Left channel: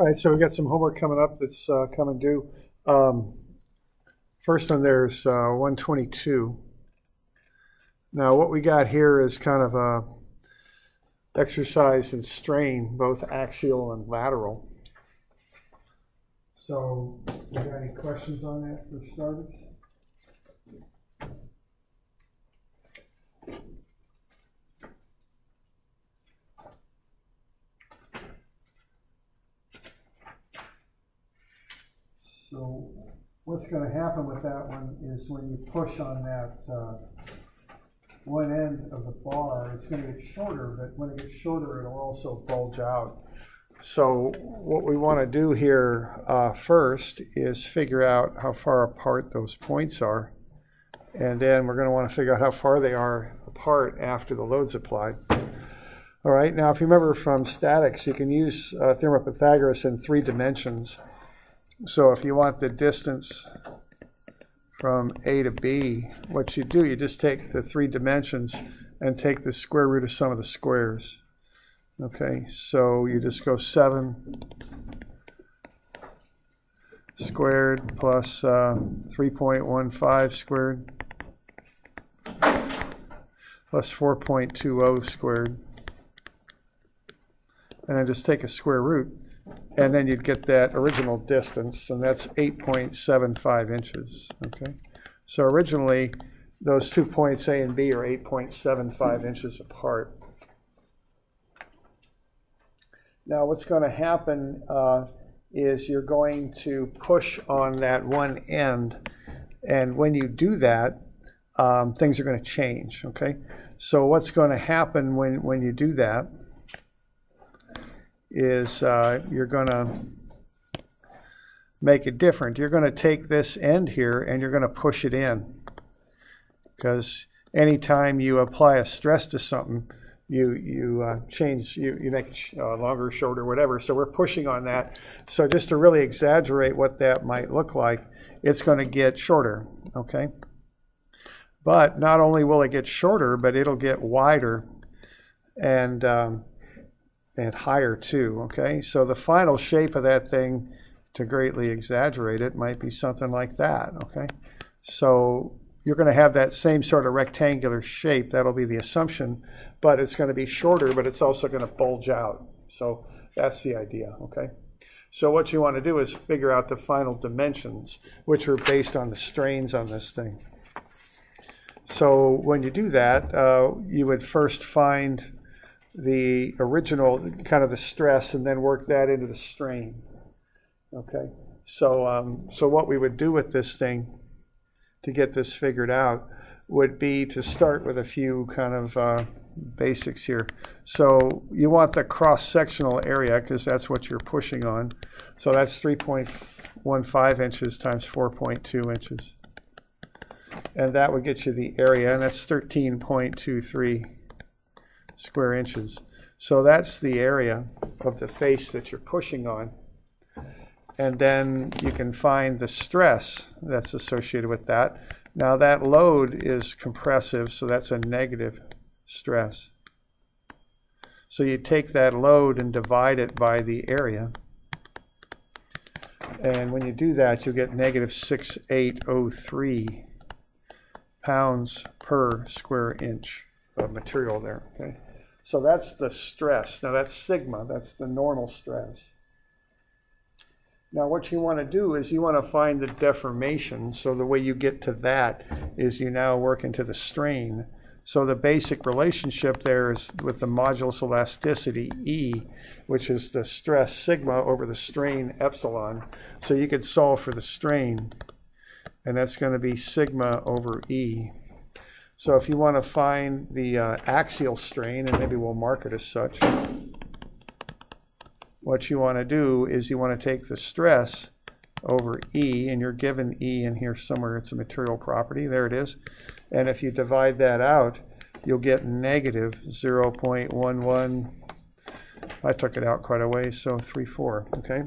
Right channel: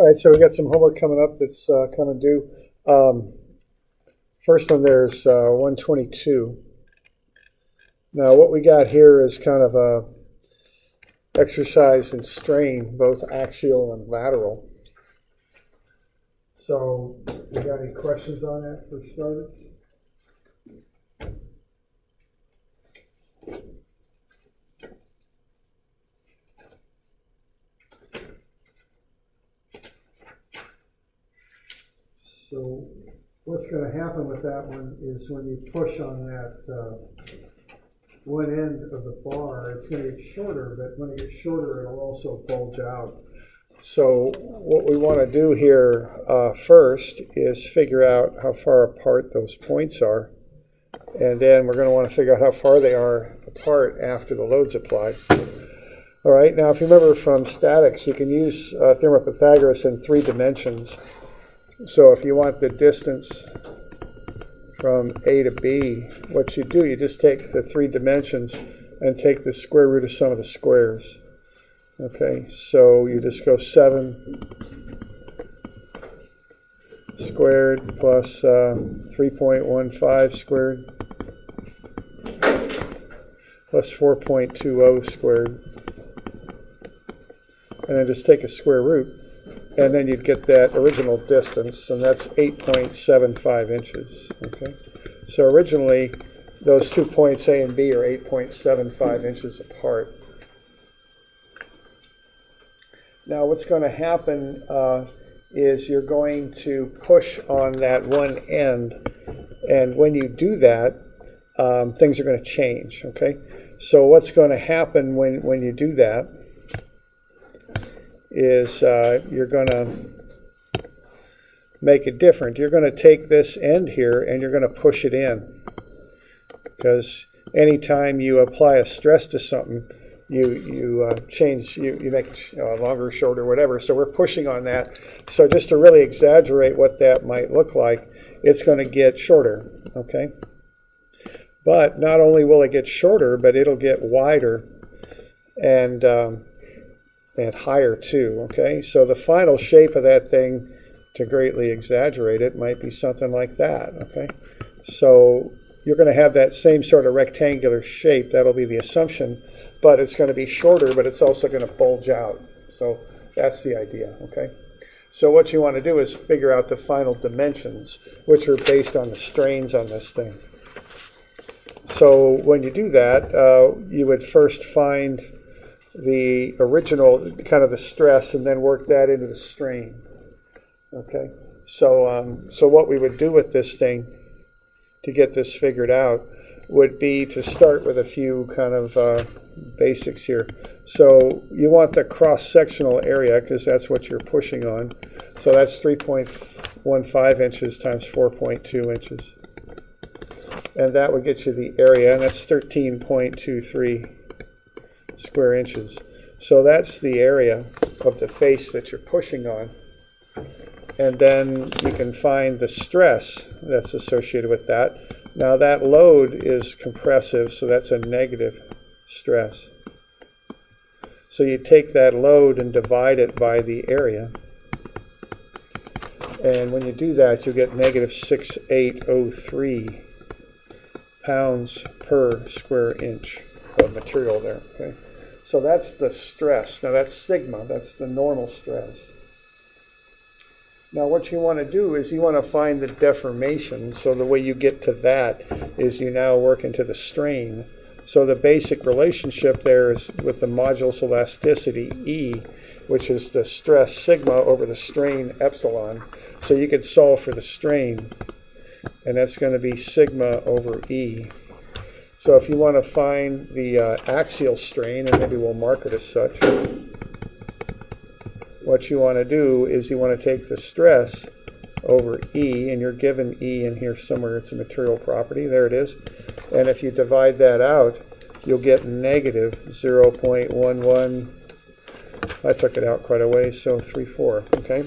All right, so we got some homework coming up that's coming due. First one there's 122. Now what we got here is kind of a exercise in strain, both axial and lateral. So you got any questions on that for starters? So what's going to happen with that one is when you push on that one end of the bar, it's going to get shorter, but when it gets shorter, it'll also bulge out. So what we want to do here first is figure out how far apart those points are, and then we're going to want to figure out how far they are apart after the load's applied. All right, now if you remember from statics, you can use theorem of Pythagoras in 3 dimensions. So if you want the distance from A to B, what you do, you just take the 3 dimensions and take the square root of some of the squares. Okay, so you just go 7 squared plus 3.15 squared plus 4.20 squared. And then just take a square root. And then you'd get that original distance, and that's 8.75 inches. Okay, so originally those 2 points A and B are 8.75 inches apart. Now what's going to happen is you're going to push on that one end, and when you do that, things are going to change. Okay, so what's going to happen when you do that is you're going to make it different. You're going to take this end here and you're going to push it in, because anytime you apply a stress to something, you make it longer, shorter, whatever. So we're pushing on that. So just to really exaggerate what that might look like, it's going to get shorter. Okay, but not only will it get shorter, but it'll get wider and higher too. Okay, so the final shape of that thing, to greatly exaggerate it, might be something like that. Okay, so you're going to have that same sort of rectangular shape. That'll be the assumption, but it's going to be shorter, but it's also going to bulge out. So that's the idea. Okay, so what you want to do is figure out the final dimensions, which are based on the strains on this thing. So when you do that, you would first find the original, kind of the stress, and then work that into the strain. Okay, so so what we would do with this thing to get this figured out would be to start with a few kind of basics here. So you want the cross-sectional area, because that's what you're pushing on. So that's 3.15 inches times 4.2 inches. And that would get you the area, and that's 13.23 square inches. So that's the area of the face that you're pushing on. And then you can find the stress that's associated with that. Now that load is compressive, so that's a negative stress. So you take that load and divide it by the area. And when you do that, you'll get negative 6.803 pounds per square inch of material there. Okay, so that's the stress. Now that's sigma, that's the normal stress. Now what you want to do is you want to find the deformation. So the way you get to that is you now work into the strain. So the basic relationship there is with the modulus elasticity, E, which is the stress sigma over the strain epsilon. So you could solve for the strain, and that's going to be sigma over E. So if you want to find the axial strain, and maybe we'll mark it as such, what you want to do is you want to take the stress over E, and you're given E in here somewhere. It's a material property. There it is. And if you divide that out, you'll get negative 0.11. I took it out quite a ways, so 34. Okay.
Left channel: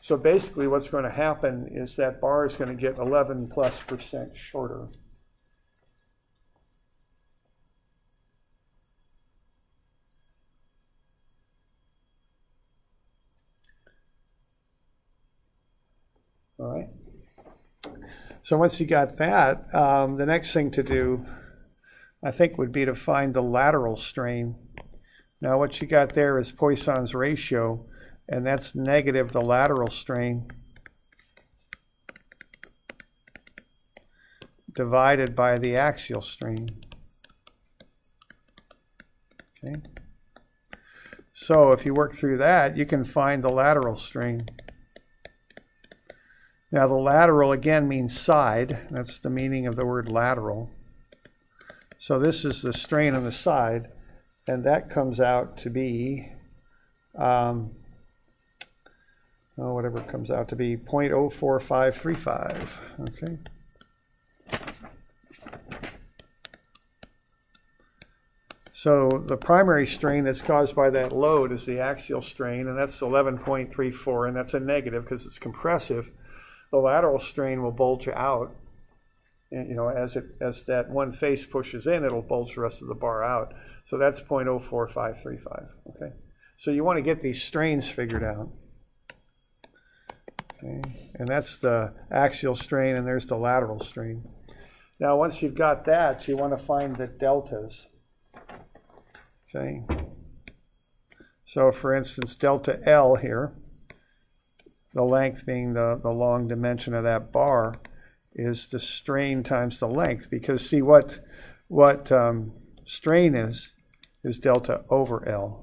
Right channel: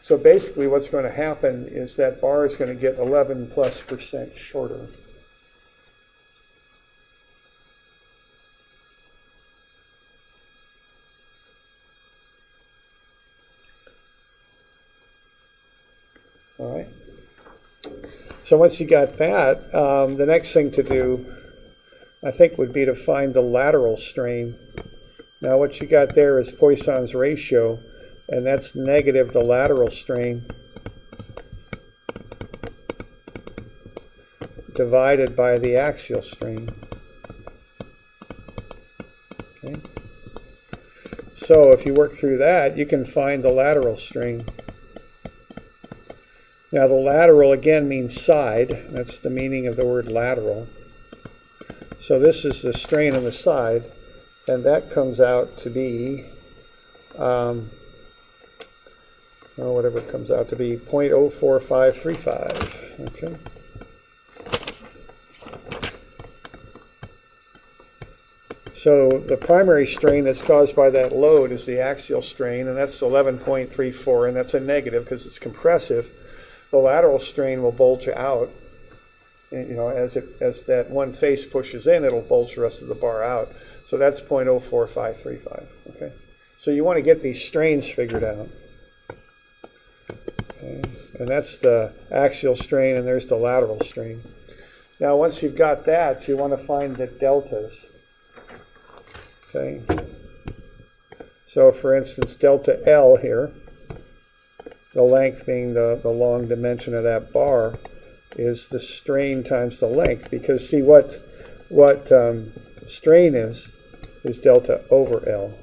So basically what's going to happen is that bar is going to get 11+% shorter. right? So once you got that, the next thing to do, I think, would be to find the lateral strain. Now what you got there is Poisson's ratio, and that's negative the lateral strain divided by the axial strain. Okay. So if you work through that, you can find the lateral strain. Now the lateral again means side. That's the meaning of the word lateral. So this is the strain on the side, and that comes out to be, whatever it comes out to be, 0.04535. Okay. So the primary strain that's caused by that load is the axial strain, and that's 11.34, and that's a negative because it's compressive. The lateral strain will bulge out. You know, as that one face pushes in, it'll bulge the rest of the bar out. So that's 0.04535. Okay. So you want to get these strains figured out. Okay. And that's the axial strain, and there's the lateral strain. Now, once you've got that, you want to find the deltas. Okay. So, for instance, delta L here, the length being the long dimension of that bar, is the strain times the length. Because see what strain is delta over L.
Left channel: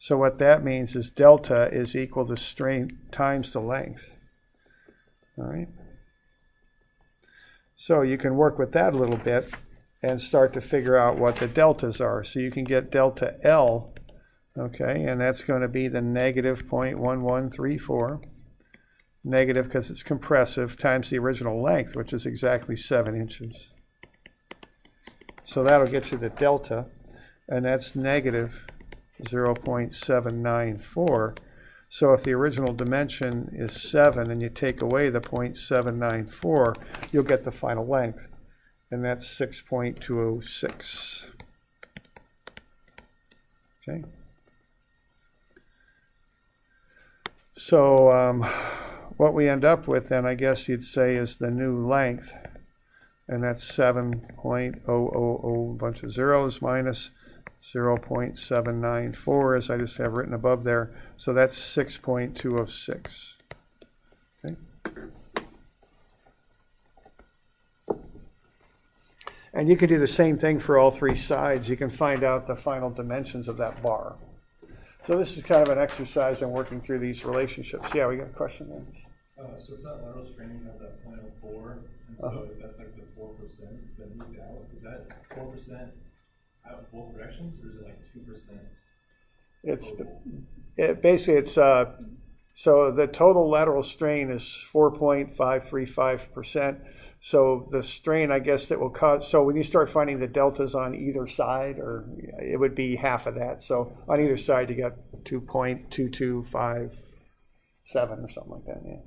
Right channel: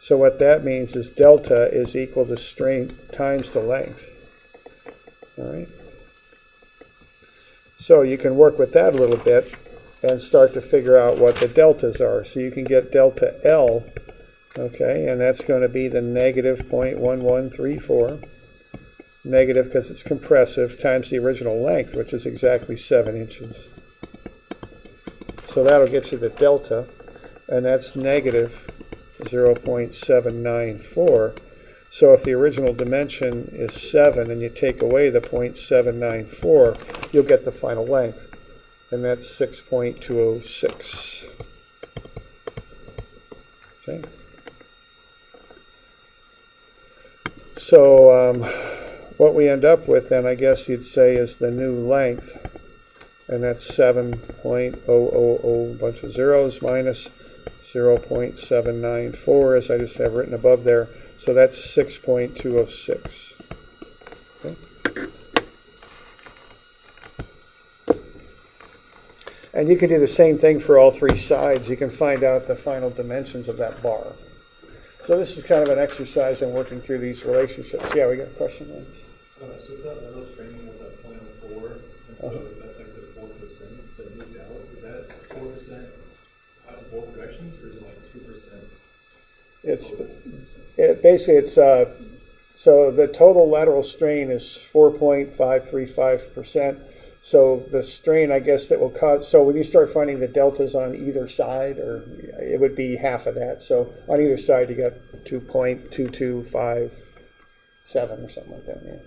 So what that means is delta is equal to strain times the length. All right. So you can work with that a little bit and start to figure out what the deltas are. So you can get delta L, okay, and that's going to be the negative 0.1134, negative because it's compressive, times the original length, which is exactly 7 inches. So that'll get you the delta, and that's negative 0.794. So if the original dimension is 7 and you take away the 0.794, you'll get the final length, and that's 6.206. Okay. So what we end up with then, I guess you'd say, is the new length, and that's 7.000, bunch of zeros, minus 0.794, as I just have written above there. So that's 6.206. Okay. And you can do the same thing for all three sides. You can find out the final dimensions of that bar. So this is kind of an exercise in working through these relationships. Yeah, we got a question there. So if that lateral strain of that 0.04, and so that's like the 4% that moved out, is that 4% out in both directions, or is it like 2%? Basically so the total lateral strain is 4.535%. So the strain, I guess, that will cause, so when you start finding the deltas on either side, or it would be half of that. So on either side, you got 2.2257 or something like that. Yeah.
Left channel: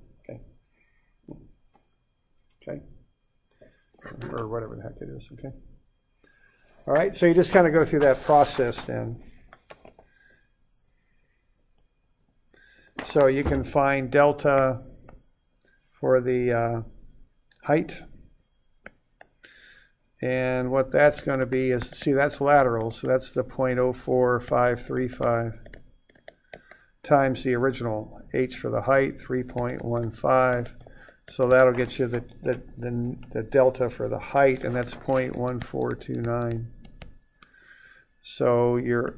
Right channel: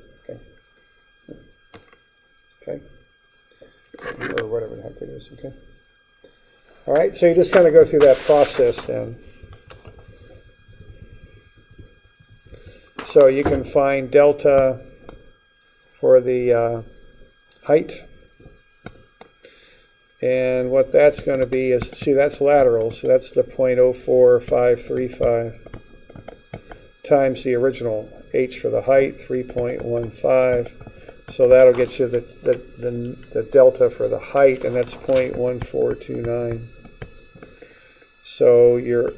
Okay. Okay. Or whatever the heck it is. Okay. All right. So you just kind of go through that process then. So you can find delta for the height, and what that's going to be is, see, that's lateral, so that's the 0.04535 times the original h for the height, 3.15. So that'll get you the delta for the height, and that's 0.1429. So your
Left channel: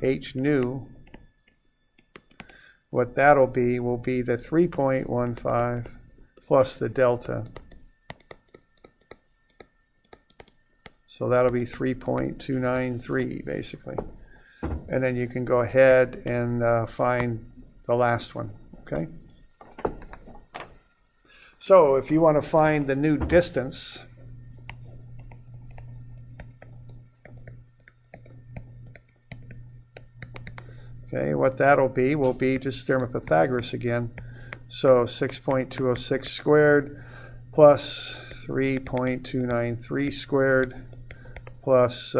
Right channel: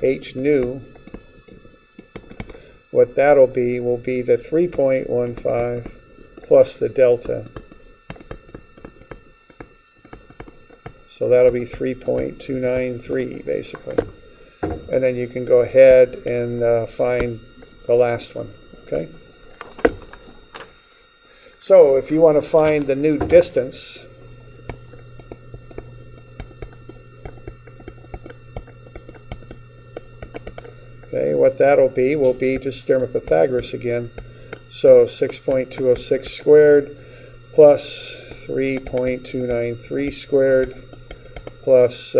h nu, what that'll be will be the 3.15 plus the delta. So that'll be 3.293 basically. And then you can go ahead and find the last one, okay? So if you want to find the new distance, okay, what that'll be will be just theorem of Pythagoras again. So 6.206 squared plus 3.293 squared plus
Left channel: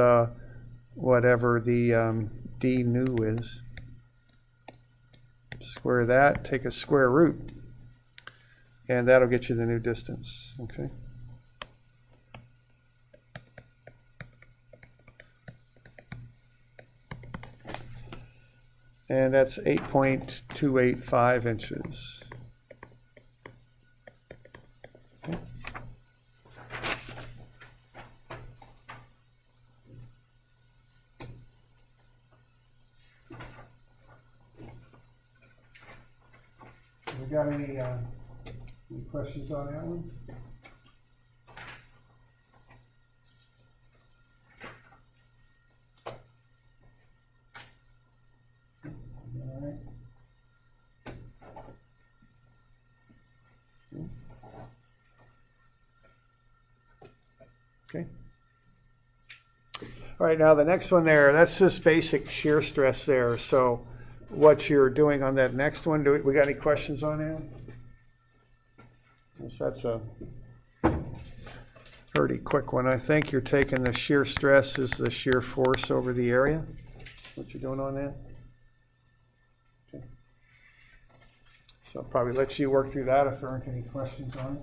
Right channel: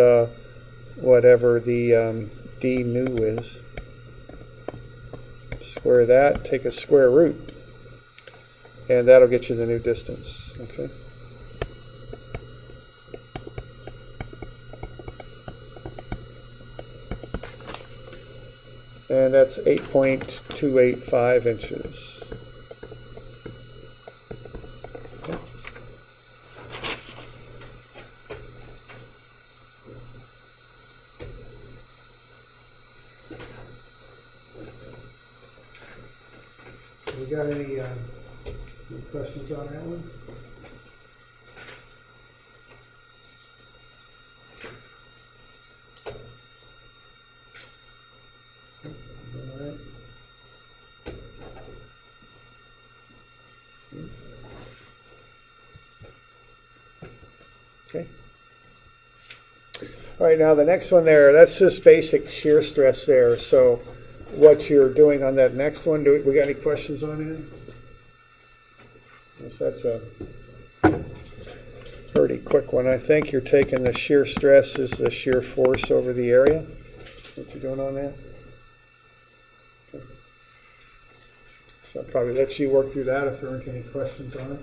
whatever the d nu is. Square that, take a square root, and that'll get you the new distance. Okay. And that's 8.285 inches. Okay. We got any questions on that one? All right. Okay. All right, now the next one there, that's just basic shear stress there. So what you're doing on that next one, we got any questions on that? Yes, that's a pretty quick one. I think you're taking the shear stress as the shear force over the area. What you're doing on that? Okay. So I'll probably let you work through that if there aren't any questions on it.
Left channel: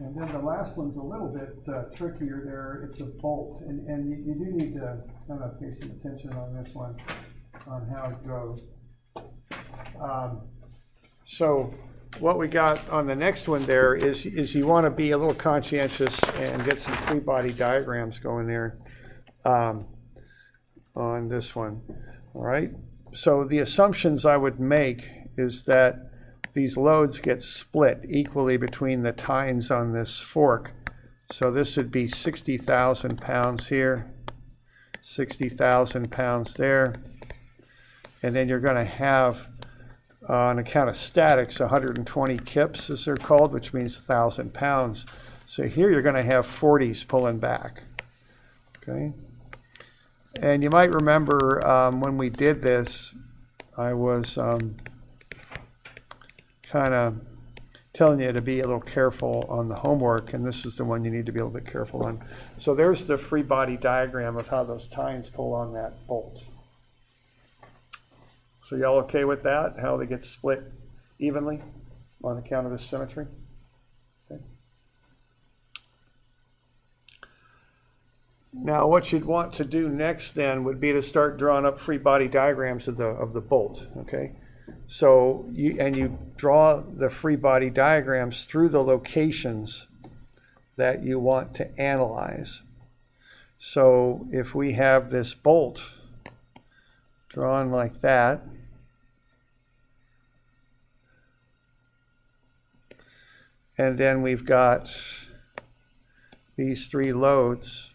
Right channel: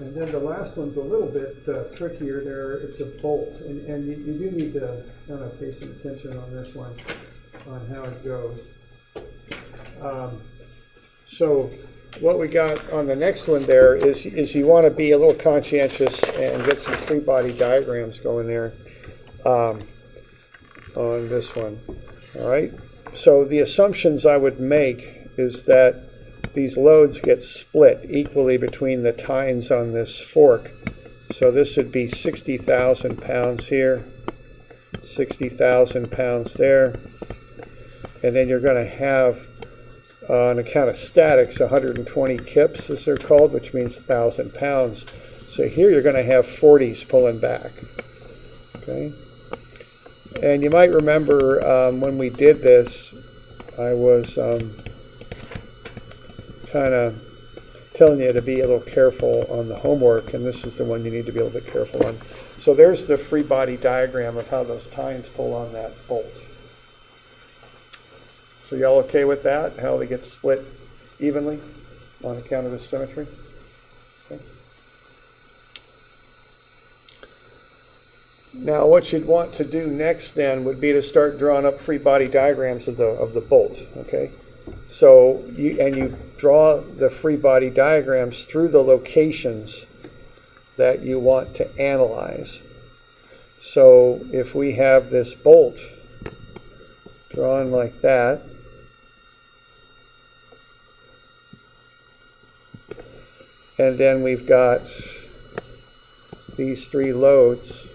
And then the last one's a little bit trickier there. It's a bolt, and you do need to kind of pay some attention on this one, on how it goes. So what we got on the next one there is you want to be a little conscientious and get some free body diagrams going there on this one. All right. So the assumptions I would make is that these loads get split equally between the tines on this fork. So this would be 60,000 pounds here, 60,000 pounds there. And then you're going to have, on account of statics, 120 kips, as they're called, which means 1,000 pounds. So here you're going to have 40s pulling back. Okay. And you might remember when we did this, I was kind of telling you to be a little careful on the homework, and this is the one you need to be a little bit careful on. So there's the free body diagram of how those tines pull on that bolt. So y'all okay with that? How they get split evenly on account of this symmetry? Okay. Now what you'd want to do next then would be to start drawing up free body diagrams of the bolt. Okay. So you draw the free body diagrams through the locations that you want to analyze. So if we have this bolt drawn like that, and then we've got these three loads,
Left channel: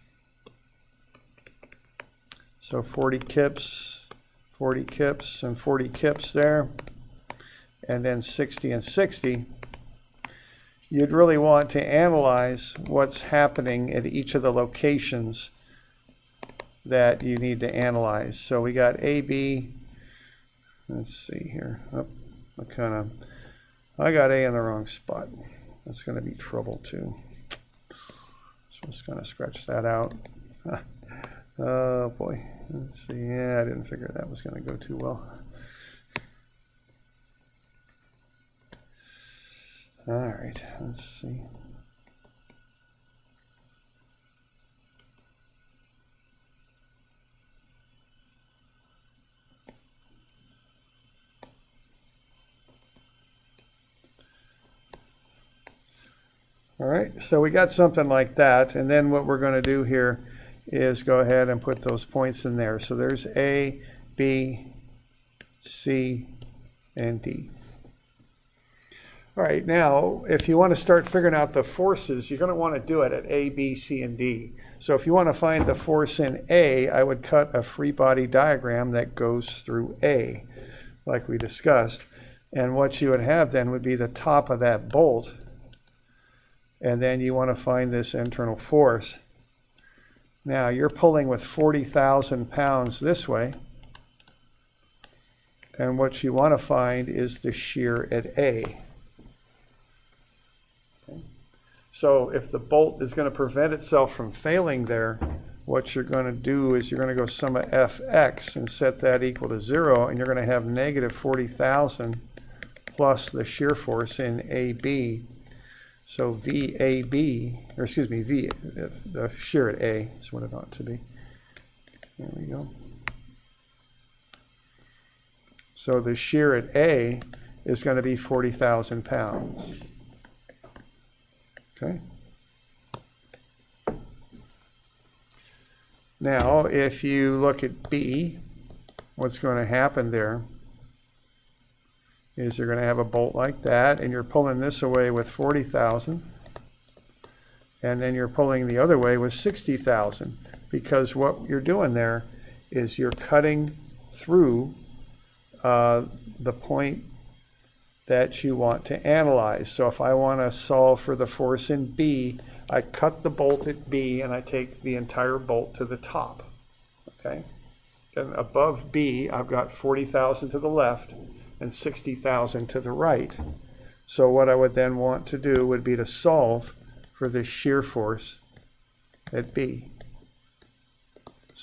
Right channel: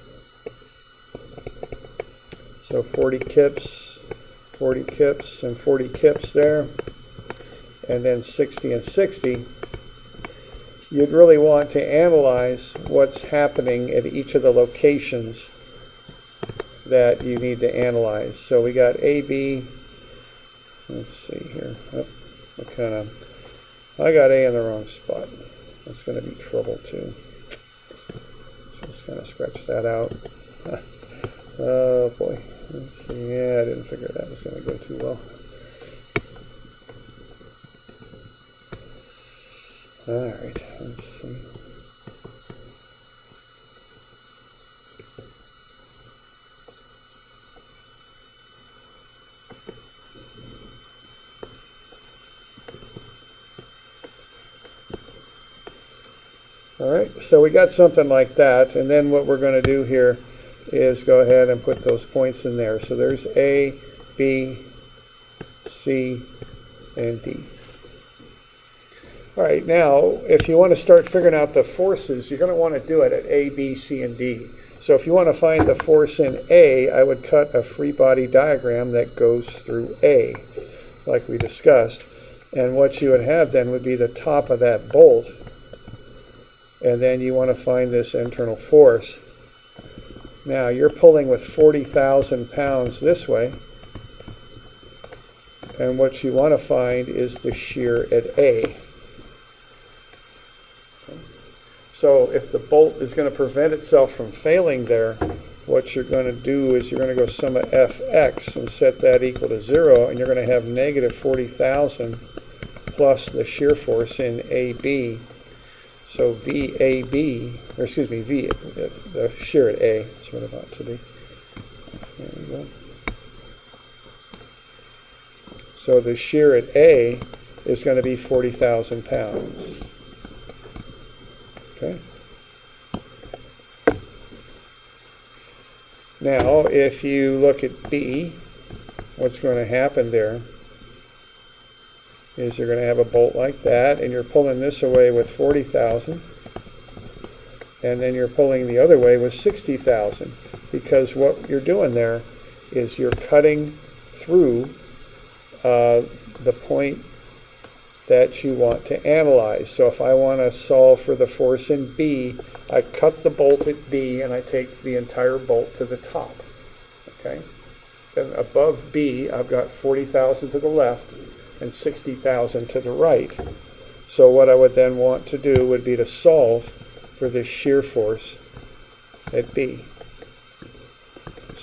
so 40 kips, 40 kips and 40 kips there, and then 60 and 60, you'd really want to analyze what's happening at each of the locations that you need to analyze. So we got A, B, let's see here, oh, I got A in the wrong spot. That's going to be trouble too. So just kind of scratch that out. Oh boy. Let's see. Yeah, I didn't figure that was going to go too well. All right. Let's see. All right. So we got something like that, and then what we're going to do here is go ahead and put those points in there. So there's A, B, C, and D. All right, now if you want to start figuring out the forces, you're going to want to do it at A, B, C, and D. So if you want to find the force in A, I would cut a free body diagram that goes through A, like we discussed. And what you would have then would be the top of that bolt. And then you want to find this internal force. Now you're pulling with 40,000 pounds this way, and what you want to find is the shear at A. So if the bolt is going to prevent itself from failing there, what you're going to do is you're going to go sum of Fx and set that equal to 0, and you're going to have negative 40,000 plus the shear force in AB. So VAB, or excuse me, the shear at A is what it ought to be. There we go. So the shear at A is going to be 40,000 pounds. Okay. Now, if you look at B, what's going to happen there is you're going to have a bolt like that, and you're pulling this away with 40,000, and then you're pulling the other way with 60,000, because what you're doing there is you're cutting through the point that you want to analyze. So if I want to solve for the force in B, I cut the bolt at B and I take the entire bolt to the top. Okay? Then above B, I've got 40,000 to the left and 60,000 to the right. So what I would then want to do would be to solve for this shear force at B.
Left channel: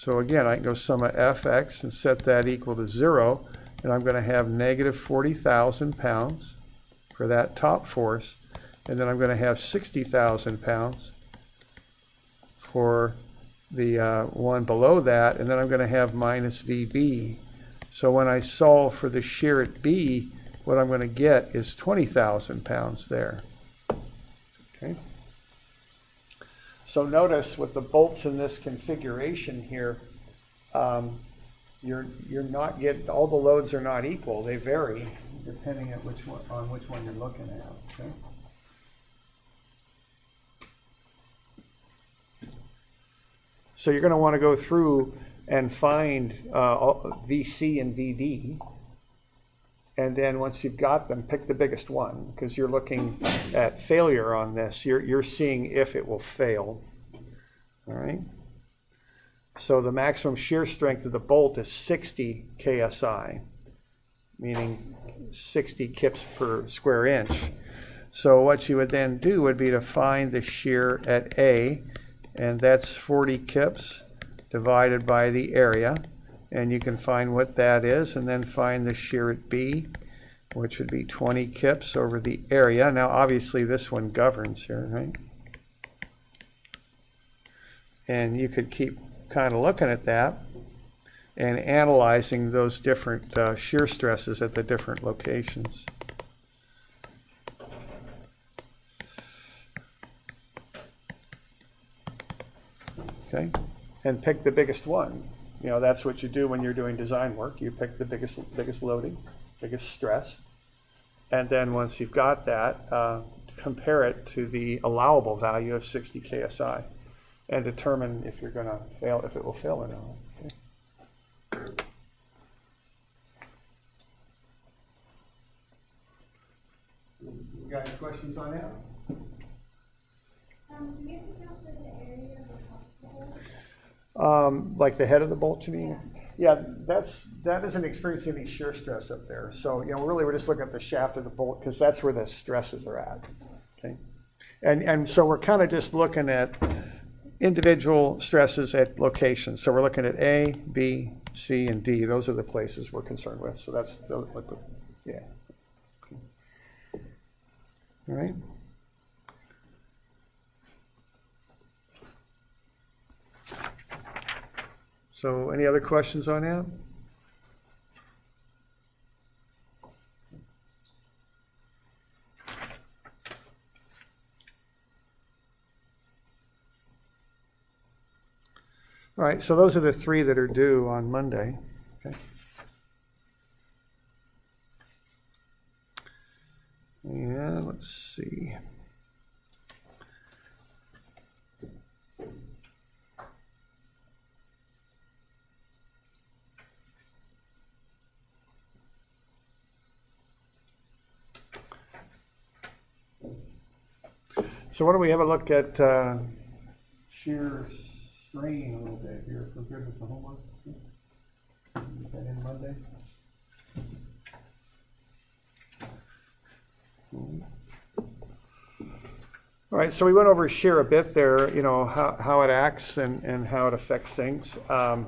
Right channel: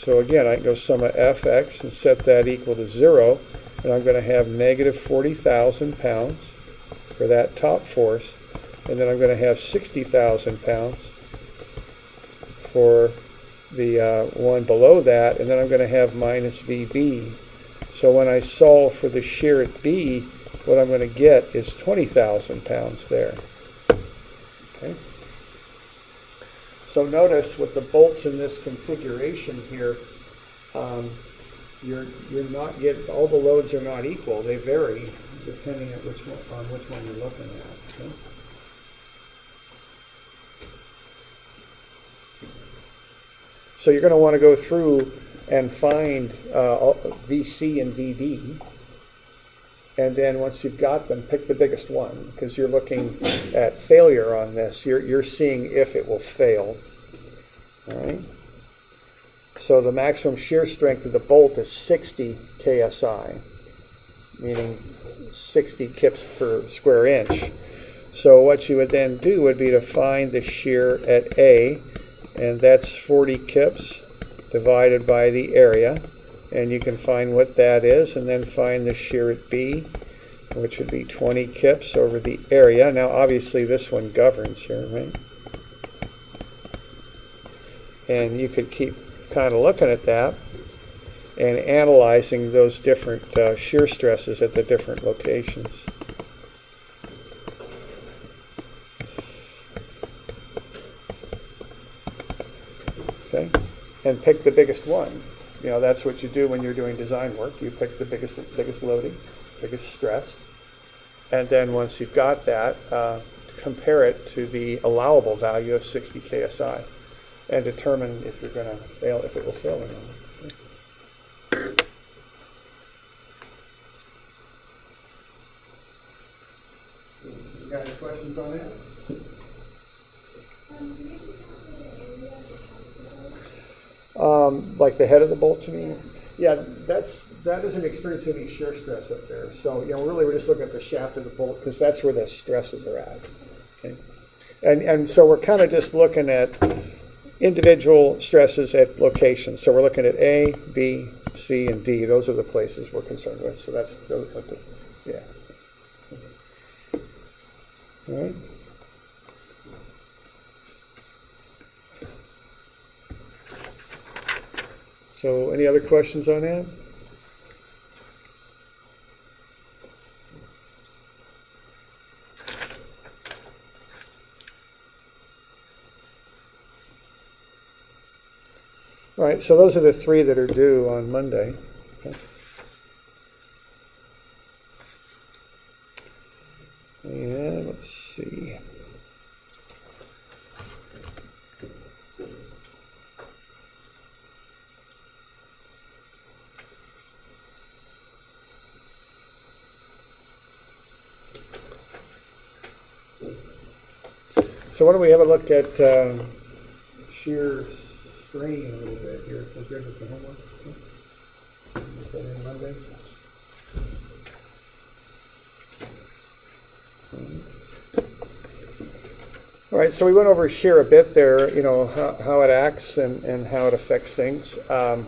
So again, I can go sum of Fx and set that equal to 0, and I'm going to have negative 40,000 pounds for that top force, and then I'm going to have 60,000 pounds for the one below that, and then I'm going to have minus VB. So when I solve for the shear at B, what I'm going to get is 20,000 pounds there. Okay. So notice with the bolts in this configuration here, you're not getting, all the loads are not equal. They vary depending on which one you're looking at. Okay? So you're going to want to go through and find VC and VD, and then once you've got them, pick the biggest one, because you're looking at failure on this. You're seeing if it will fail. All right. So the maximum shear strength of the bolt is 60 KSI, meaning 60 kips per square inch. So what you would then do would be to find the shear at A, and that's 40 kips divided by the area, and you can find what that is, and then find the shear at B, which would be 20 kips over the area. Now obviously this one governs here, right? And you could keep kind of looking at that and analyzing those different shear stresses at the different locations. Okay, and pick the biggest one. You know, that's what you do when you're doing design work. You pick the biggest loading, biggest stress, and then once you've got that, compare it to the allowable value of 60 KSI. And determine if you're going to fail, if it will fail or not. You got any questions on that? Do you account for the area of the hospital? Like the head of the bolt, you mean? Yeah, that isn't experiencing any shear stress up there. So really we're just looking at the shaft of the bolt because that's where the stresses are at. Okay, and so we're kind of just looking at individual stresses at locations. So we're looking at A, B, C, and D. Those are the places we're concerned with. So that's yeah. All right. So any other questions on that? All right, so those are the three that are due on Monday. Okay. And let's see. So why don't we have a look at shear strain a little bit here compared with the homework. Okay, Monday. All right, so we went over shear a bit there, you know, how it acts and how it affects things. You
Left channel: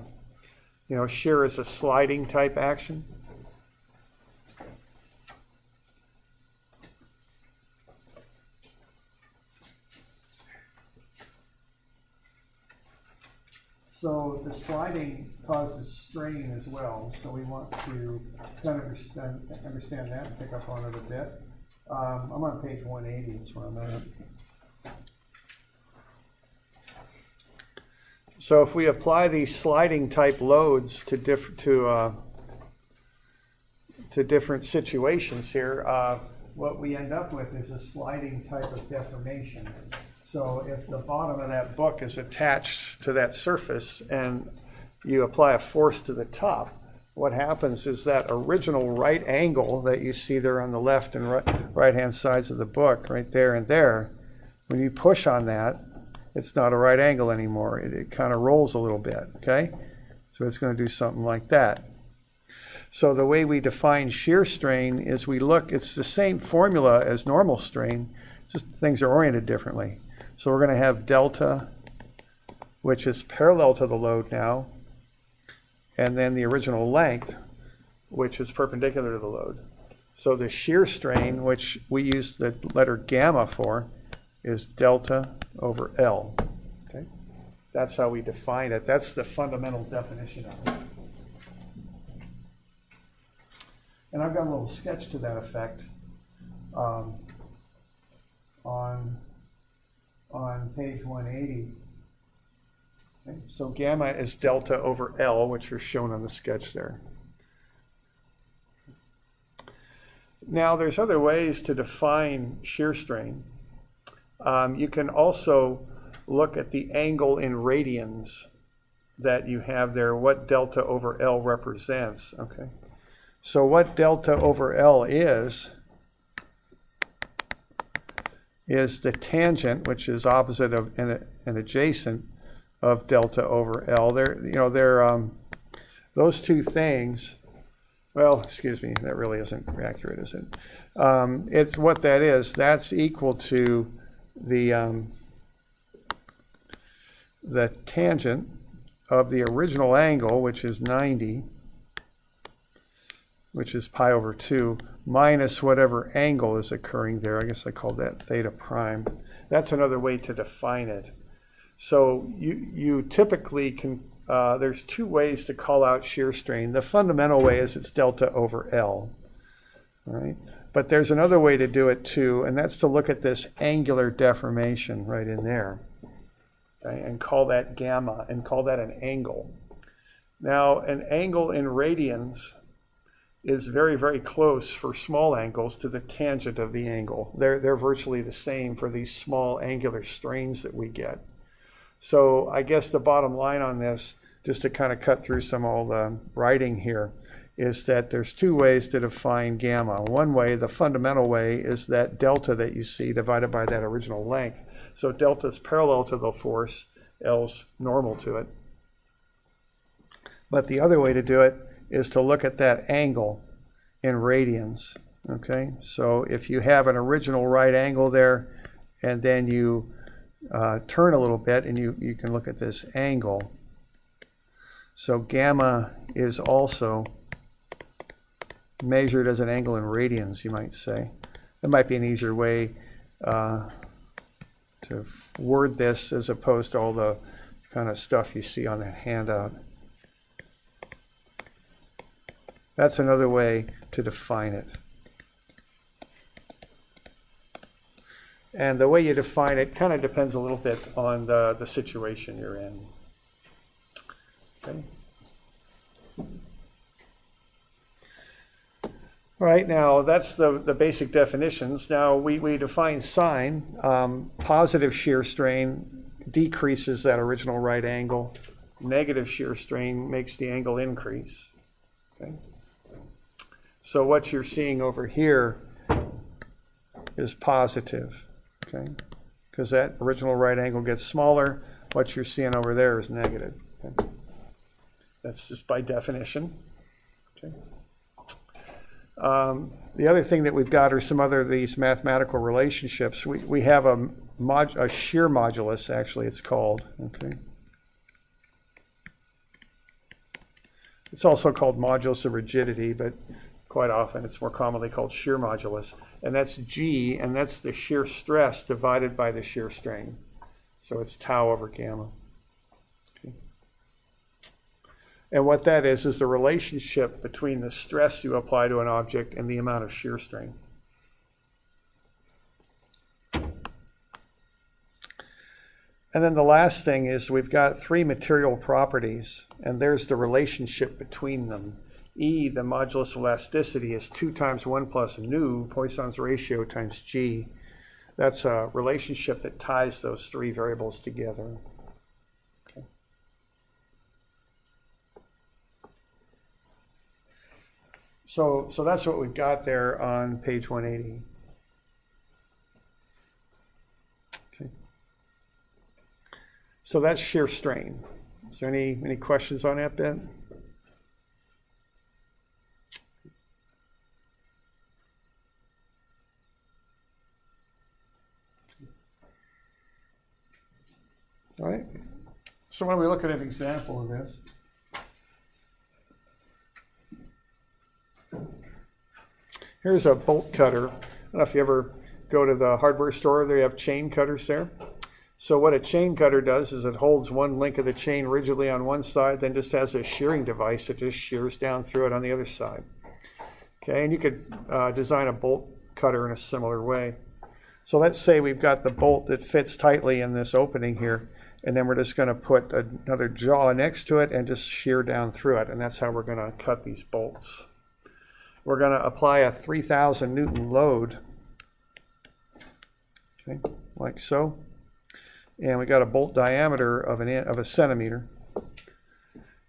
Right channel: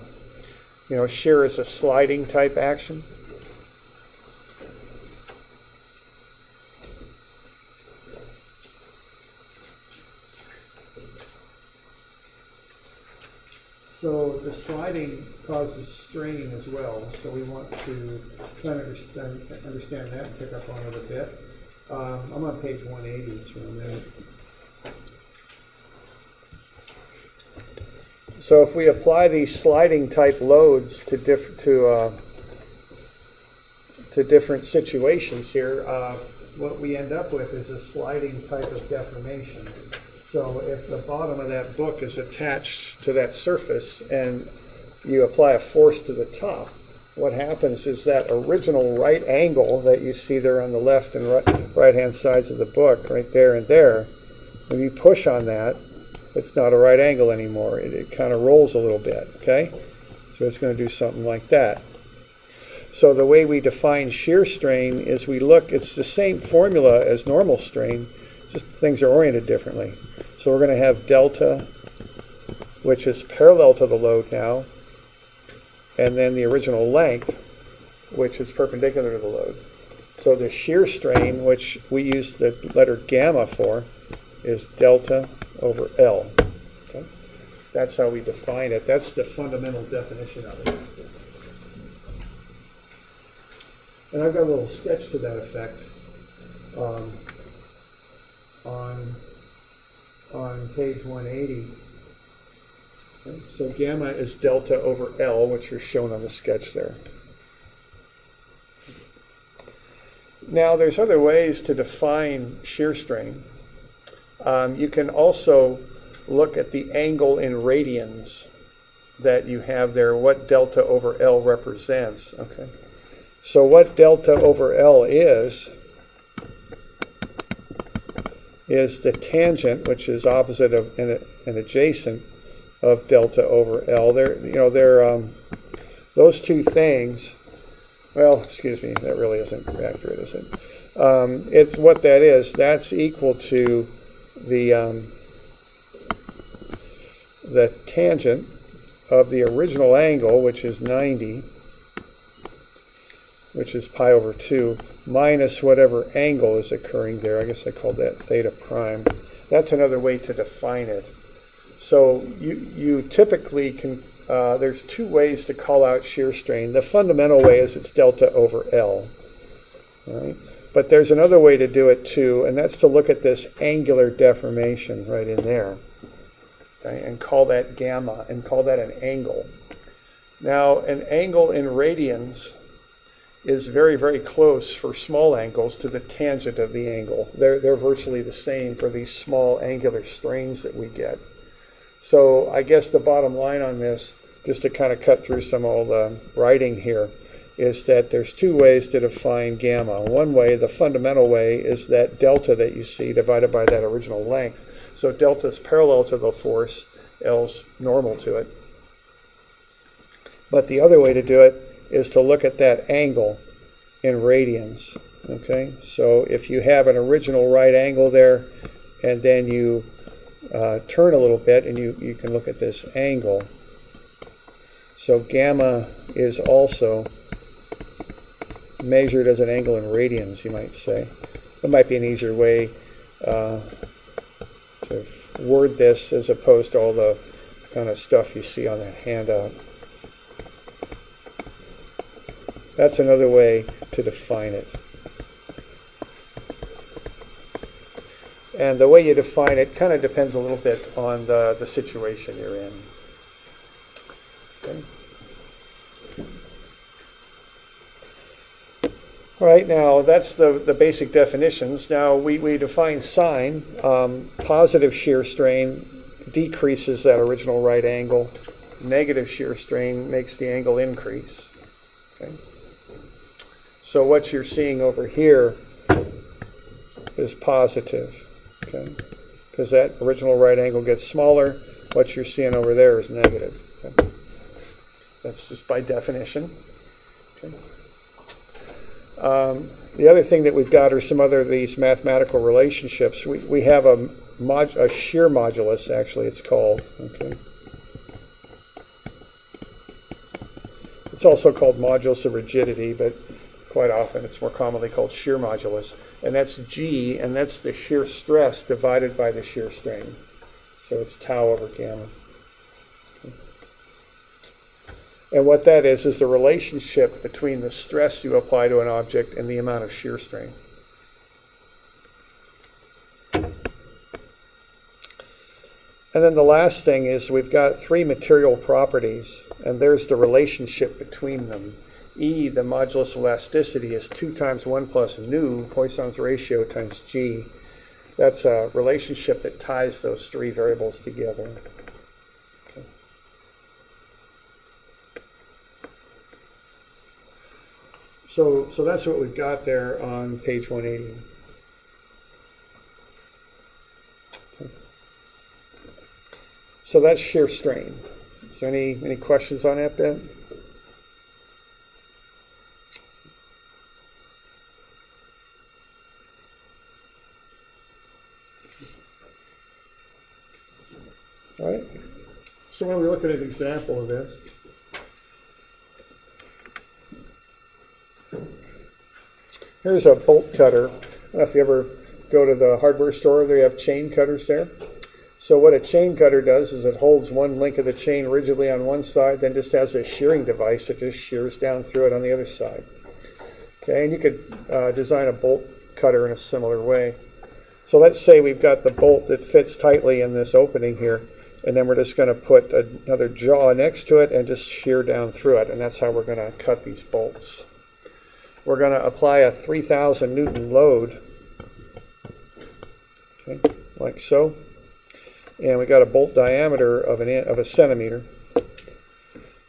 know, shear is a sliding type action. So the sliding causes strain as well, so we want to kind of understand that and pick up on it a bit. I'm on page 180, that's where I'm at. So if we apply these sliding type loads to different situations here, what we end up with is a sliding type of deformation. So if the bottom of that book is attached to that surface and you apply a force to the top, what happens is that original right angle that you see there on the left and right-hand sides of the book, right there and there, when you push on that, it's not a right angle anymore. It kind of rolls a little bit, okay? So it's going to do something like that. So the way we define shear strain is we look, it's the same formula as normal strain, just things are oriented differently. So we're going to have delta, which is parallel to the load now, and then the original length, which is perpendicular to the load. So the shear strain, which we use the letter gamma for, is delta over L. Okay? That's how we define it. That's the fundamental definition of it. And I've got a little sketch to that effect on page 180. Okay? So gamma is delta over L, which are shown on the sketch there. Now there's other ways to define shear strain. You can also look at the angle in radians that you have there, what delta over L represents. Okay, so what delta over L is the tangent, which is opposite of and adjacent of delta over L. Those two things. Well, excuse me, that really isn't accurate, is it? It's what that is. That's equal to the tangent of the original angle, which is 90, which is pi over 2, minus whatever angle is occurring there. I guess I called that theta prime. That's another way to define it. So you typically can, there's two ways to call out shear strain. The fundamental way is it's delta over L. All right? But there's another way to do it too, and that's to look at this angular deformation right in there, okay, and call that gamma, and call that an angle. Now, an angle in radians is very, very close for small angles to the tangent of the angle. They're virtually the same for these small angular strains that we get. So I guess the bottom line on this, just to kind of cut through some of the writing here, is that there's two ways to define gamma. One way, the fundamental way, is that delta that you see divided by that original length. So delta is parallel to the force, L's normal to it. But the other way to do it is to look at that angle in radians. Okay, so if you have an original right angle there, and then you turn a little bit, and you can look at this angle. So gamma is also measured as an angle in radians, you might say. That might be an easier way to word this as opposed to all the kind of stuff you see on that handout. That's another way to define it. And the way you define it kind of depends a little bit on the situation you're in. Okay. Right, now that's the basic definitions. Now we define sine. Positive shear strain decreases that original right angle. Negative shear strain makes the angle increase. Okay. So what you're seeing over here is positive, okay? Because that original right angle gets smaller. What you're seeing over there is negative. Okay? That's just by definition. Okay. The other thing that we've got are some other of these mathematical relationships. We have a shear modulus, actually, it's called. Okay. It's also called modulus of rigidity, but quite often it's more commonly called shear modulus. And that's G, and that's the shear stress divided by the shear strain. So it's tau over gamma. Okay. And what that is the relationship between the stress you apply to an object and the amount of shear strain. And then the last thing is we've got three material properties, and there's the relationship between them. E, the modulus of elasticity, is 2 times 1 plus nu, Poisson's ratio, times G. That's a relationship that ties those three variables together. Okay. So that's what we've got there on page 180. Okay. So that's shear strain. Is there any questions on that bit? All right. So when we look at an example of this, here's a bolt cutter. I don't know if you ever go to the hardware store, they have chain cutters there. So what a chain cutter does is it holds one link of the chain rigidly on one side, then just has a shearing device that just shears down through it on the other side. Okay, and you could design a bolt cutter in a similar way. So let's say we've got the bolt that fits tightly in this opening here, and then we're just going to put another jaw next to it and just shear down through it, and that's how we're going to cut these bolts. We're going to apply a 3,000 Newton load, okay, like so. And we got a bolt diameter of a centimeter.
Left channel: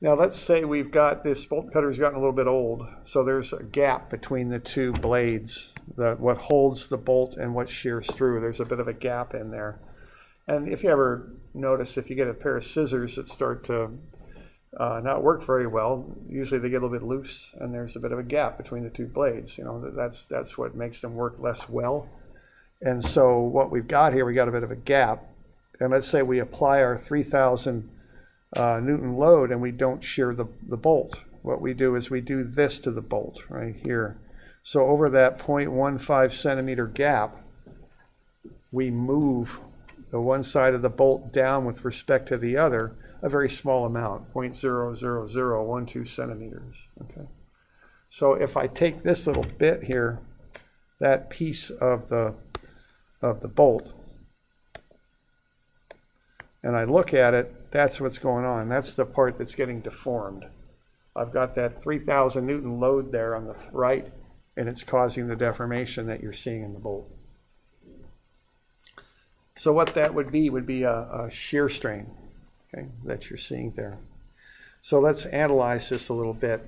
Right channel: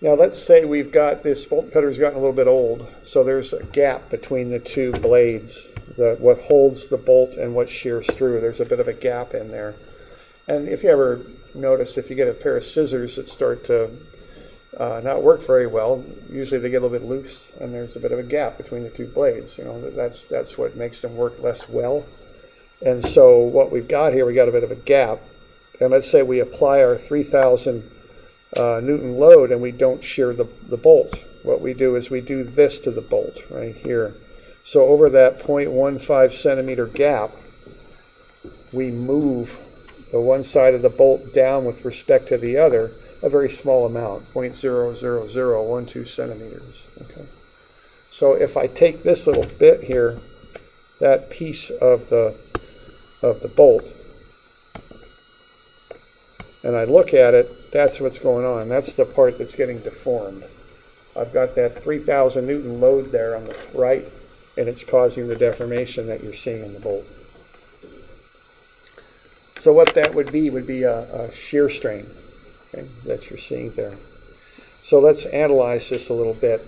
Now let's say we've got this bolt cutter's gotten a little bit old, so there's a gap between the two blades, what holds the bolt and what shears through. There's a bit of a gap in there. And if you ever notice, if you get a pair of scissors that start to not work very well, usually they get a little bit loose, and there's a bit of a gap between the two blades. You know, that's what makes them work less well. And so what we've got here, we got a bit of a gap. And let's say we apply our 3,000 Newton load and we don't shear the bolt. What we do is we do this to the bolt right here. So over that 0.15 centimeter gap, we move the one side of the bolt down with respect to the other a very small amount, 0.00012 centimeters. Okay. So if I take this little bit here, that piece of the bolt, and I look at it, that's what's going on. That's the part that's getting deformed. I've got that 3,000 Newton load there on the right, and it's causing the deformation that you're seeing in the bolt. So what that would be a shear strain, okay, that you're seeing there. So let's analyze this a little bit.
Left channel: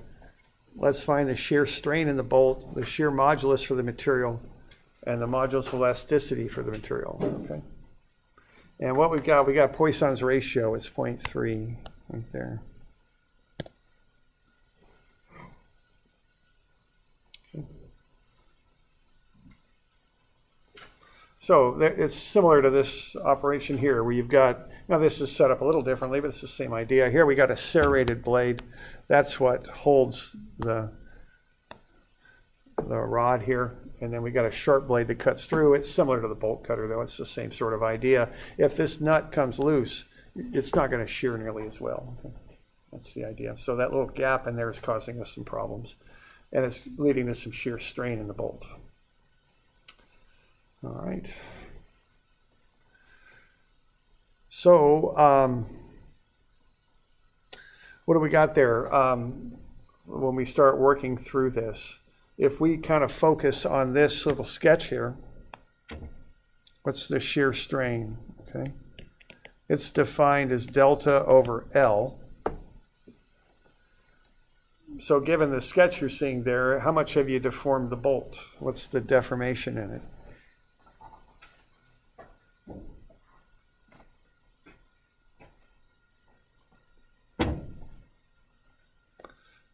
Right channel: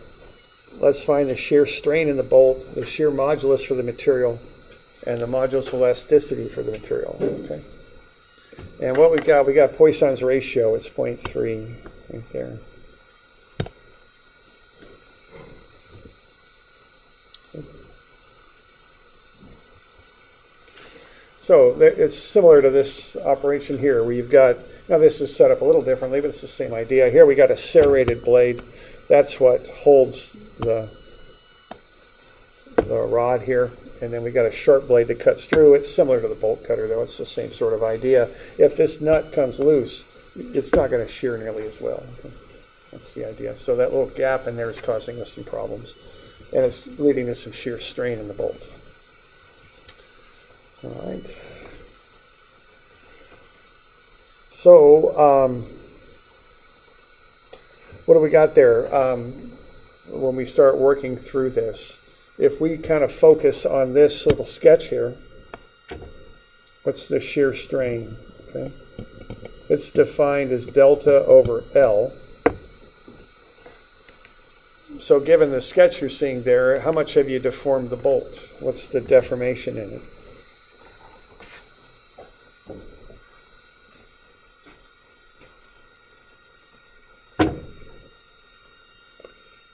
Let's find the shear strain in the bolt, the shear modulus for the material, and the modulus of elasticity for the material. Okay. And what we got Poisson's ratio, it's 0.3 right there. So it's similar to this operation here, where you've got, now this is set up a little differently, but it's the same idea. Here we got a serrated blade. That's what holds the rod here. And then we got a sharp blade that cuts through. It's similar to the bolt cutter, though. It's the same sort of idea. If this nut comes loose, it's not going to shear nearly as well. Okay. That's the idea. So that little gap in there is causing us some problems. And it's leading to some shear strain in the bolt. All right. So what do we got there when we start working through this? If we kind of focus on this little sketch here, what's the shear strain? Okay, it's defined as delta over L. So given the sketch you're seeing there, how much have you deformed the bolt? What's the deformation in it?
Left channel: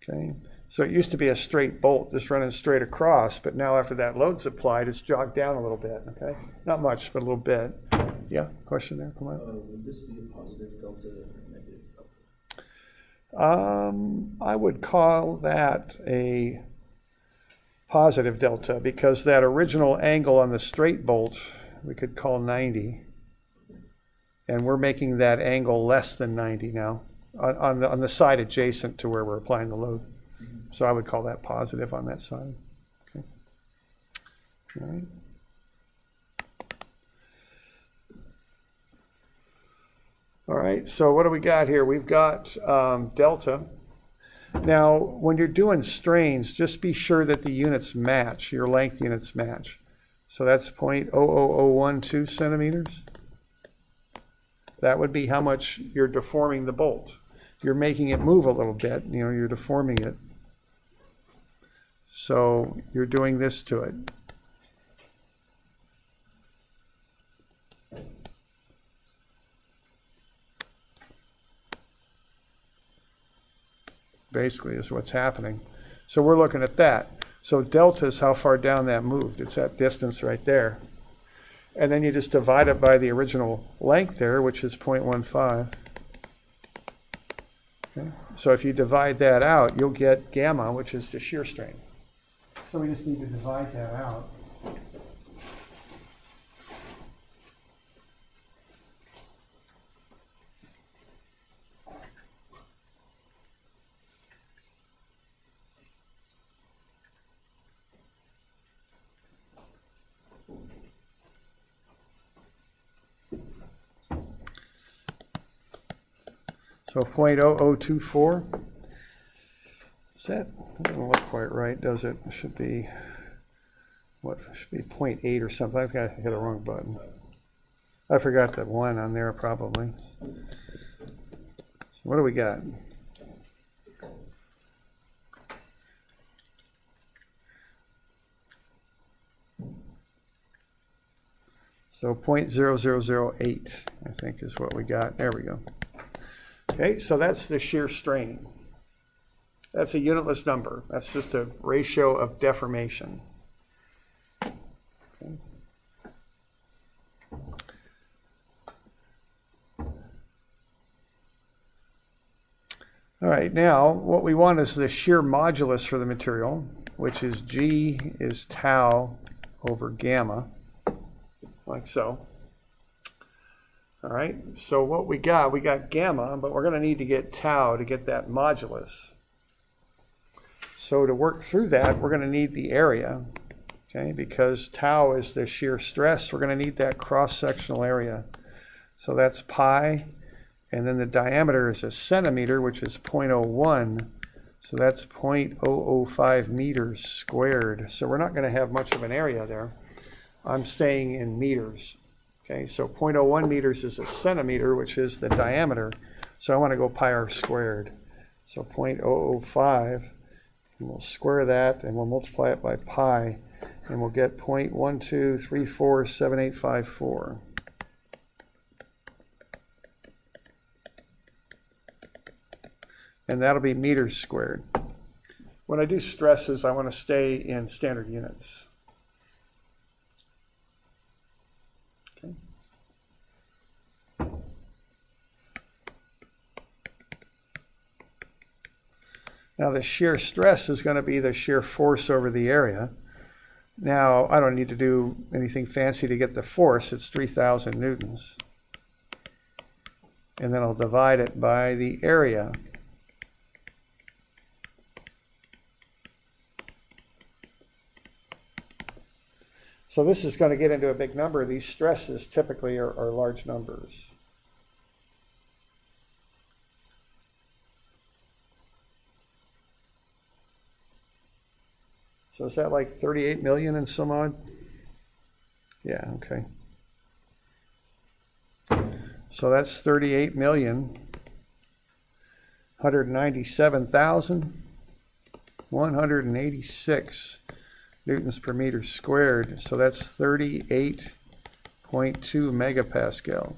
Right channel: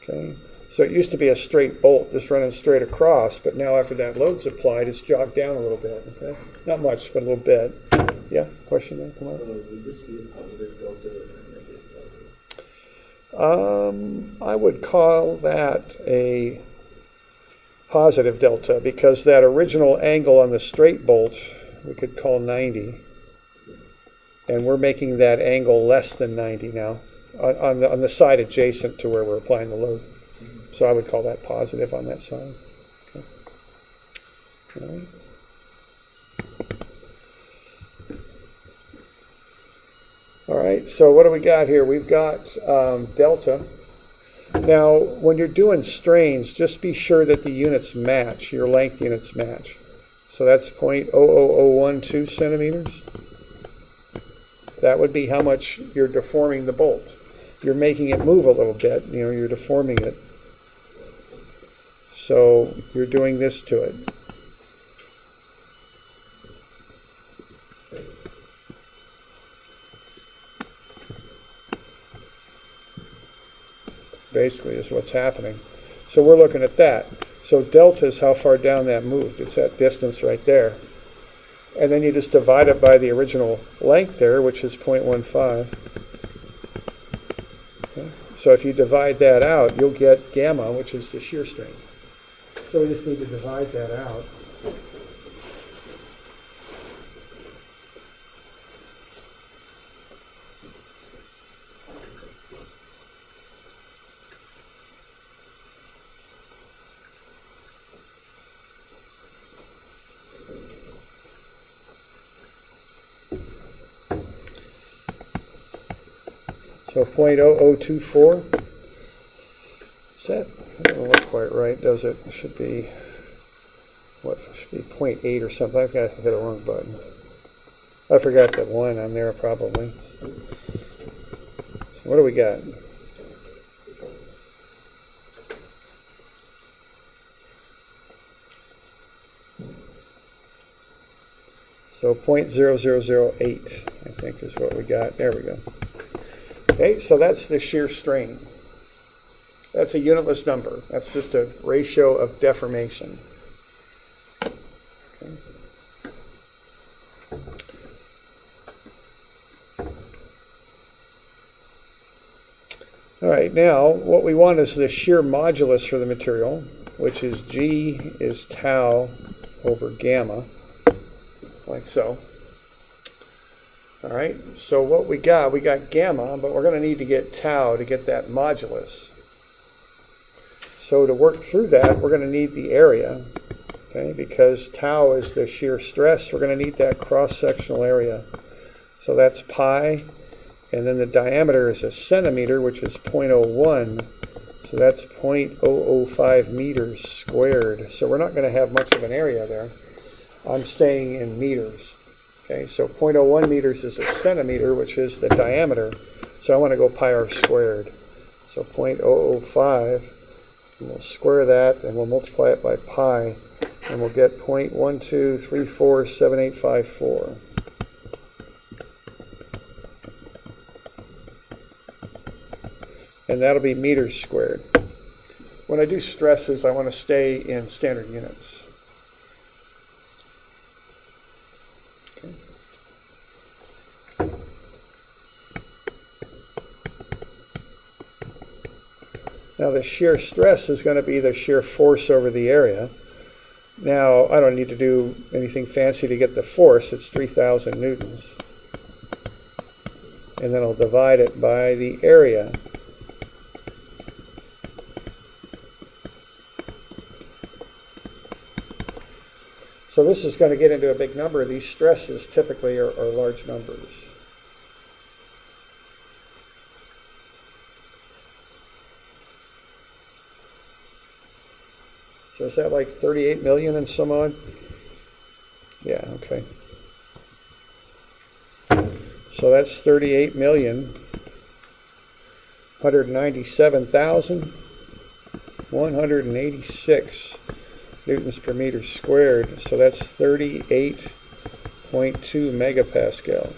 Okay. So it used to be a straight bolt, just running straight across, but now after that load's applied, it's jogged down a little bit, okay? Not much, but a little bit. Yeah, question there, come on. Would this be a positive delta or a negative delta? I would call that a positive delta because that original angle on the straight bolt we could call 90, and we're making that angle less than 90 now on the side adjacent to where we're applying the load. So I would call that positive on that side. Okay. All right. All right, so what do we got here? We've got delta. Now, when you're doing strains, just be sure that the units match, your length units match. So that's 0.00012 centimeters. That would be how much you're deforming the bolt. You're making it move a little bit, you know, you're deforming it. So you're doing this to it. Basically is what's happening. So we're looking at that. So delta is how far down that moved. It's that distance right there. And then you just divide it by the original length there, which is 0.15. Okay. So if you divide that out, you'll get gamma, which is the shear strain. So we just need to divide that out. So 0.0024. That doesn't look quite right, does it? It should be, what, should be 0.8 or something. I think I hit a wrong button. I forgot that one on there probably. What do we got? So 0.0008, I think is what we got. There we go. Okay, so that's the shear strain. That's a unitless number. That's just a ratio of deformation. Okay. All right, now what we want is the shear modulus for the material, which is G is tau over gamma, like so. All right, so what we got gamma, but we're going to need to get tau to get that modulus. So to work through that, we're going to need the area, okay, because tau is the shear stress. We're going to need that cross-sectional area. So that's pi, and then the diameter is a centimeter, which is 0.01. So that's 0.005 meters squared. So we're not going to have much of an area there. I'm staying in meters. Okay, so 0.01 meters is a centimeter, which is the diameter. So I want to go pi r squared. So 0.005, and we'll square that, and we'll multiply it by pi, and we'll get 0.12347854. And that'll be meters squared. When I do stresses, I want to stay in standard units. Now the shear stress is going to be the shear force over the area. Now I don't need to do anything fancy to get the force. It's 3,000 newtons. And then I'll divide it by the area. So this is going to get into a big number. These stresses typically are large numbers. So is that like 38 million and some odd? Yeah, okay. So that's 38,197,186 newtons per meter squared. So that's 38.2 megapascals.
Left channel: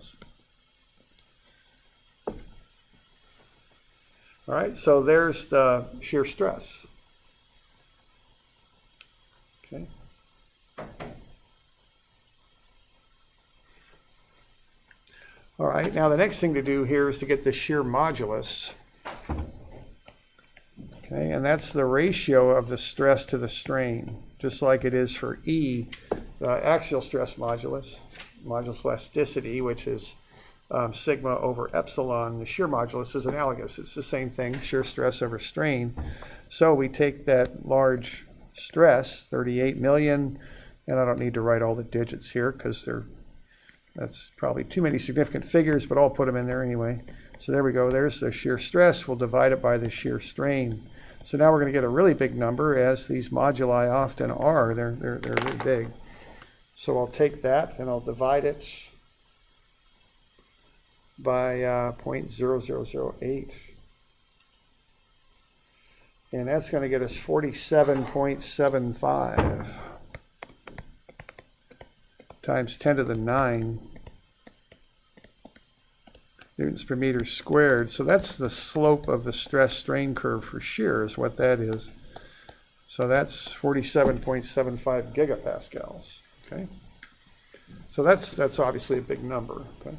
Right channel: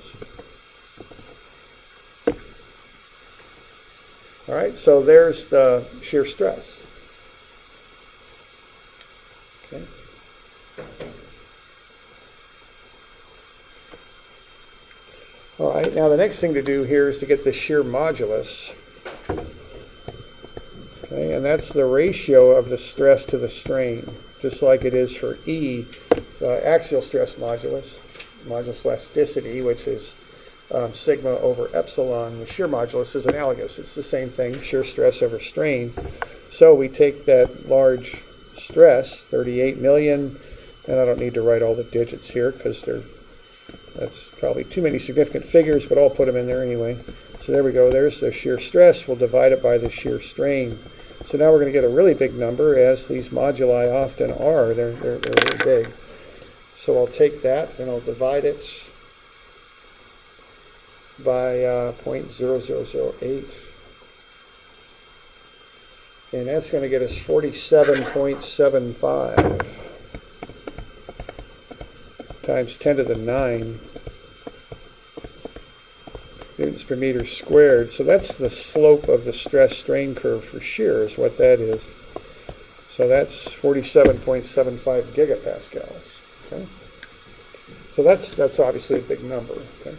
All right, so there's the shear stress. Okay. All right, now the next thing to do here is to get the shear modulus. Okay, and that's the ratio of the stress to the strain, just like it is for E, the axial stress modulus, modulus elasticity, which is sigma over epsilon. The shear modulus is analogous. It's the same thing, shear stress over strain. So we take that large stress, 38 million, and I don't need to write all the digits here because that's probably too many significant figures, but I'll put them in there anyway. So there we go. There's the shear stress. We'll divide it by the shear strain. So now we're going to get a really big number, as these moduli often are. They're really big. So I'll take that and I'll divide it by 0.0008. And that's going to get us 47.75 times 10 to the 9 newtons per meter squared. So that's the slope of the stress strain curve for shear, is what that is. So that's 47.75 gigapascals. Okay. So that's obviously a big number. Okay.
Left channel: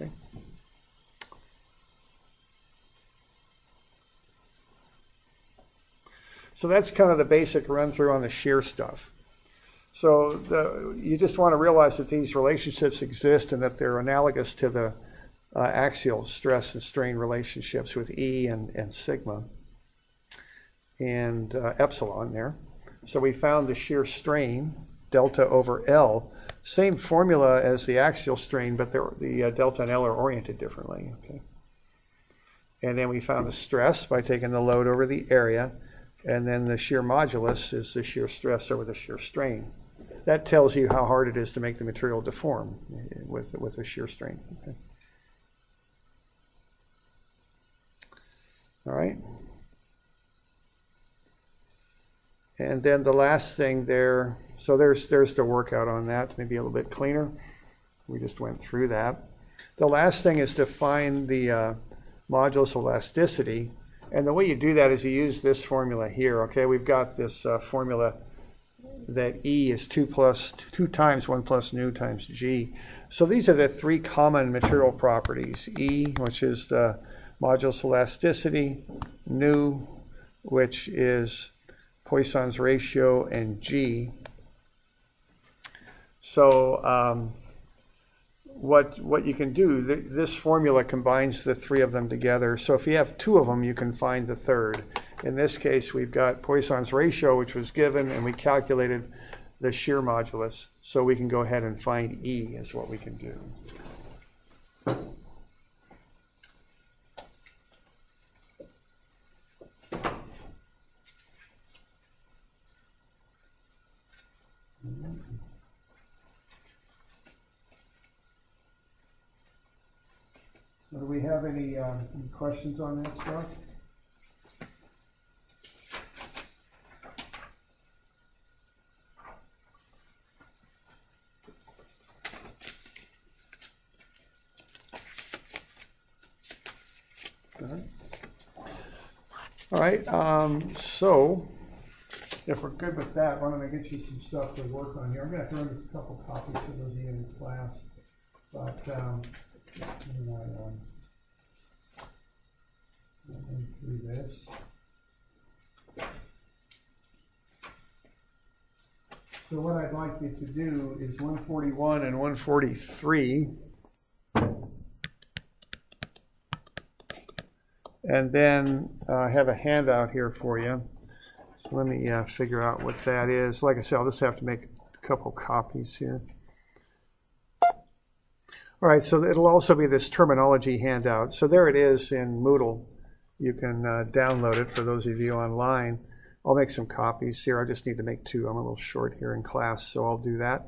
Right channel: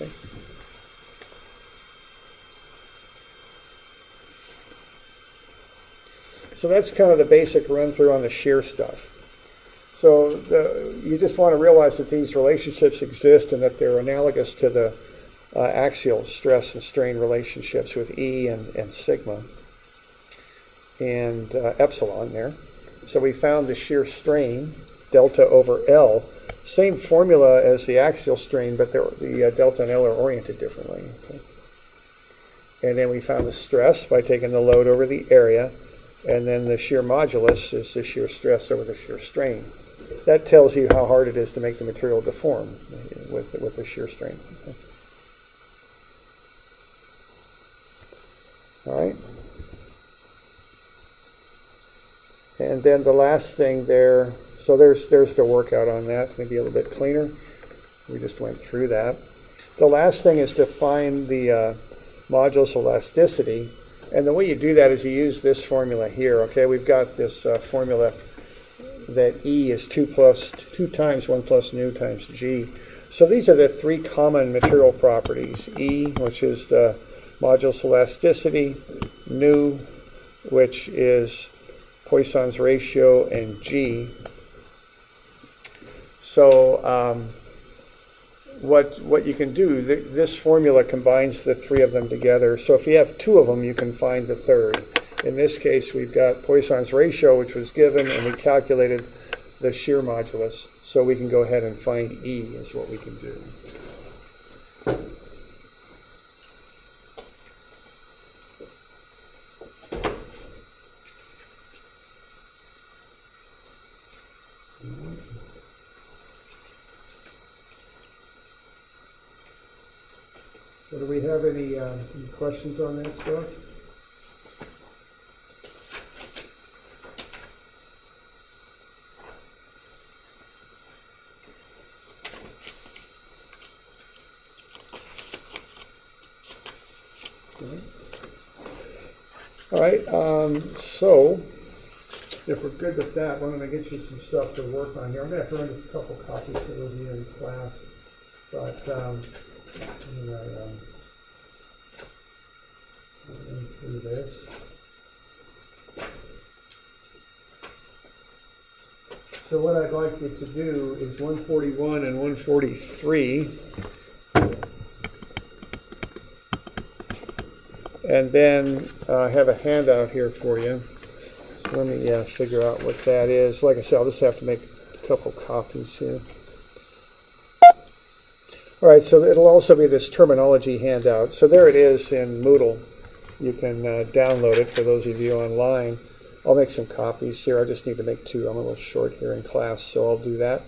Okay. So that's kind of the basic run through on the shear stuff. So you just want to realize that these relationships exist and that they're analogous to the axial stress and strain relationships with E and sigma and epsilon there. So we found the shear strain, delta over L, same formula as the axial strain, but the delta and L are oriented differently. Okay. And then we found the stress by taking the load over the area. And then the shear modulus is the shear stress over the shear strain. That tells you how hard it is to make the material deform with a shear strain. Okay. All right. And then the last thing there, so there's the workout on that, maybe a little bit cleaner. We just went through that. The last thing is to find the modulus elasticity. And the way you do that is you use this formula here. Okay, we've got this formula that E is 2 times 1 plus nu times G. So these are the three common material properties. E, which is the modulus elasticity, nu, which is Poisson's ratio, and G. So what you can do, this formula combines the three of them together. So if you have two of them, you can find the third. In this case, we've got Poisson's ratio, which was given, and we calculated the shear modulus. So we can go ahead and find E is what we can do. So do we have any questions on that stuff? All right, so if we're good with that, I'm going to get you some stuff to work on here. I'm going to throw in just a couple copies for those of you in class. But through this. So what I'd like you to do is 141 and 143. And then I have a handout here for you. So let me figure out what that is. Like I said, I'll just have to make a couple copies here. All right, so it'll also be this terminology handout. So there it is in Moodle. You can download it for those of you online. I'll make some copies here. I just need to make two. I'm a little short here in class, so I'll do that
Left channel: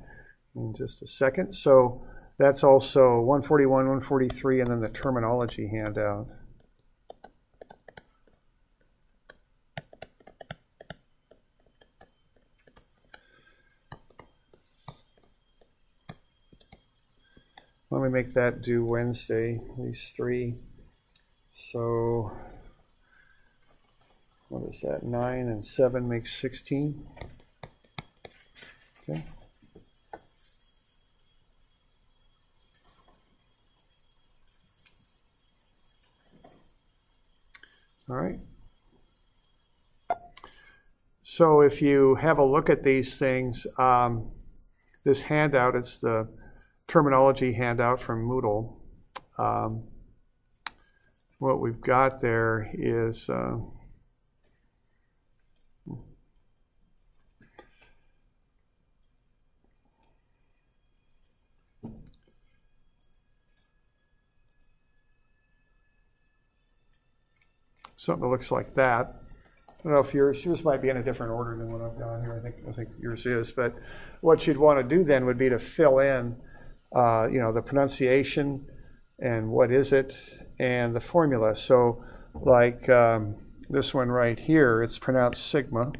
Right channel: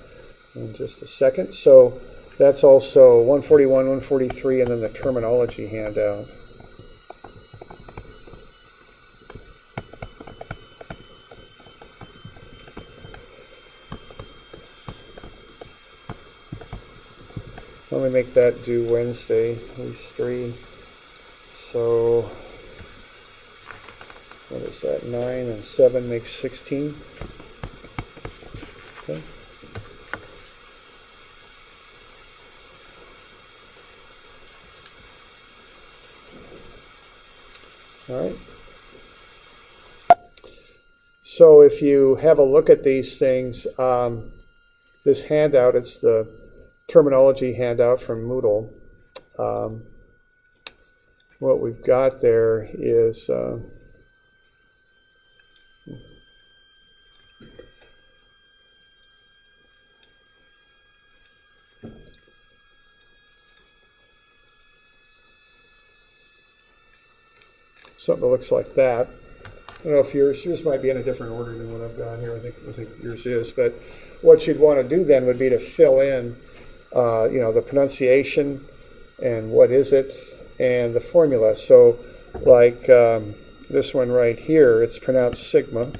in just a second. So that's also 141, 143, and then the terminology handout. Let me make that due Wednesday, at least 3. So what is that? 9 and 7 makes 16. Okay. All right. So if you have a look at these things, this handout, it's the terminology handout from Moodle. What we've got there is something that looks like that. I don't know if yours might be in a different order than what I've got here. I think yours is. But what you'd want to do then would be to fill in, the pronunciation and what is it and the formula. So, like this one right here, it's pronounced sigma.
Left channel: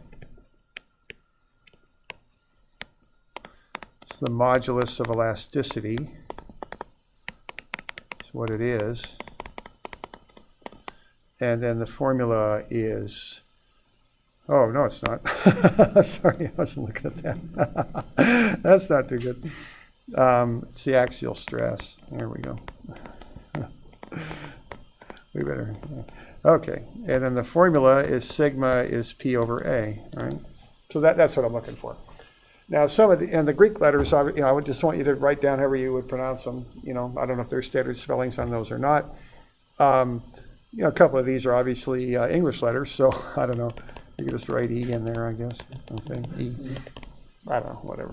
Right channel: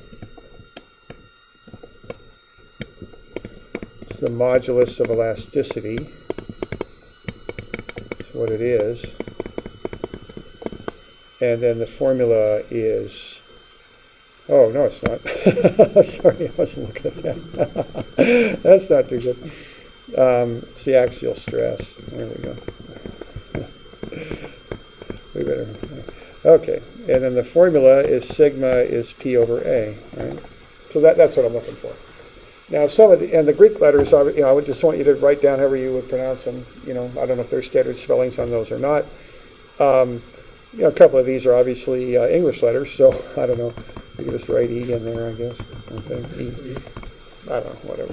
It's the modulus of elasticity. That's what it is. And then the formula is, oh, no, it's not. Sorry, I wasn't looking at that. That's not too good. It's the axial stress. There we go. We better, okay. And then the formula is sigma is P over A, right? So that's what I'm looking for. Now, some of the Greek letters, I would just want you to write down however you would pronounce them. I don't know if there's standard spellings on those or not. A couple of these are obviously English letters, so I don't know. You can just write E in there, I guess. Okay, E. I don't know, whatever.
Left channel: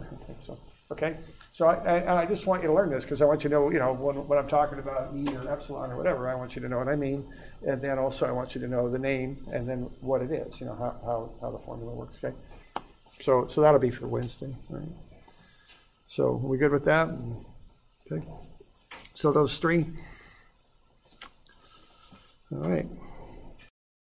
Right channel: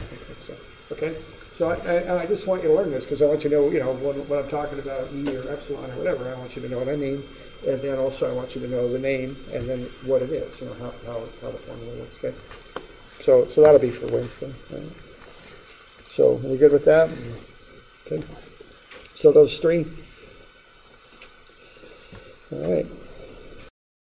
Okay, so I just want you to learn this because I want you to know, when I'm talking about E or epsilon or whatever, I want you to know what I mean, and then also I want you to know the name and then what it is, how the formula works. Okay, so that'll be for Wednesday. Right? So are we good with that? Okay. So those three. All right.